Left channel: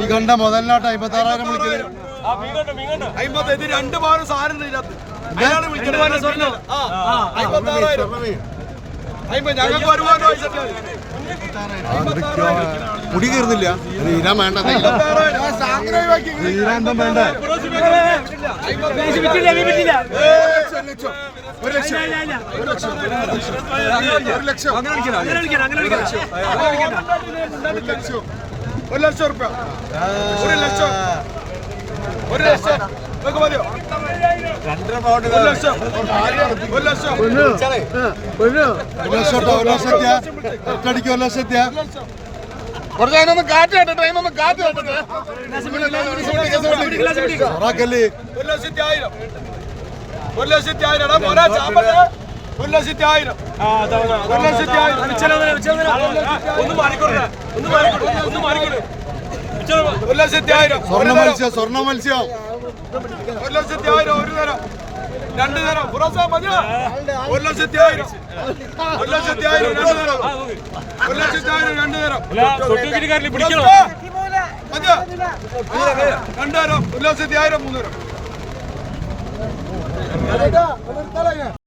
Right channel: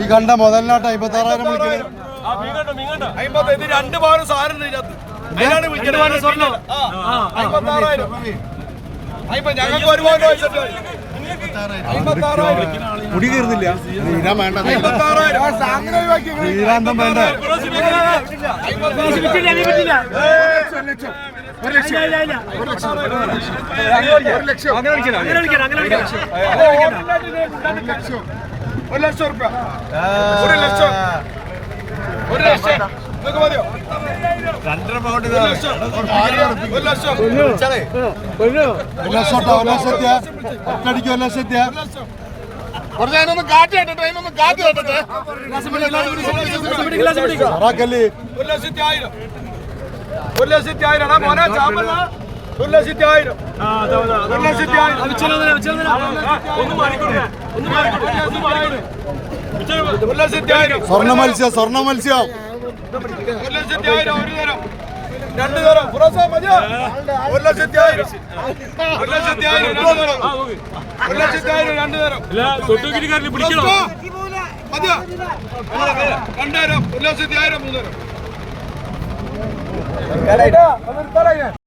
ഈ കണ്ട മുതലിനാട്ട് 56,000 വിളിക്കുന്നത്. രണ്ട് പവന് സാധനം മുടി കയറുന്നില്ല. തീരാൻ വേണ്ട, തീരാന്തം വേണ്ട. 1,00,000 രൂപ. 1,00,000 മതിയോ? 2.5 പൗണ്ട്. 1,00,000. 1,00,000. 1,00,000 ഒറ്റടിക്ക് 1,00,000. കുറച്ച് അതിനൊന്ന് കാറ്റ് കേട്ടെ, അതിനൊന്ന് കാറ്റ് കേട്ടെ. 1,00,000. 1,00,000 മോനെ ചാമ്പല. 1,00,000. സ്വർണ്ണ മത്സ്യം, സ്വർണ്ണ മത്സ്യം. 1,00,000. ഒരു തരം, രണ്ടു തരം. മതിയോ? 1,00,000. 1,00,000. 1,00,000 രണ്ടു തരം. മതിയോ? 2 തരം. 1,00,000 3 തരം.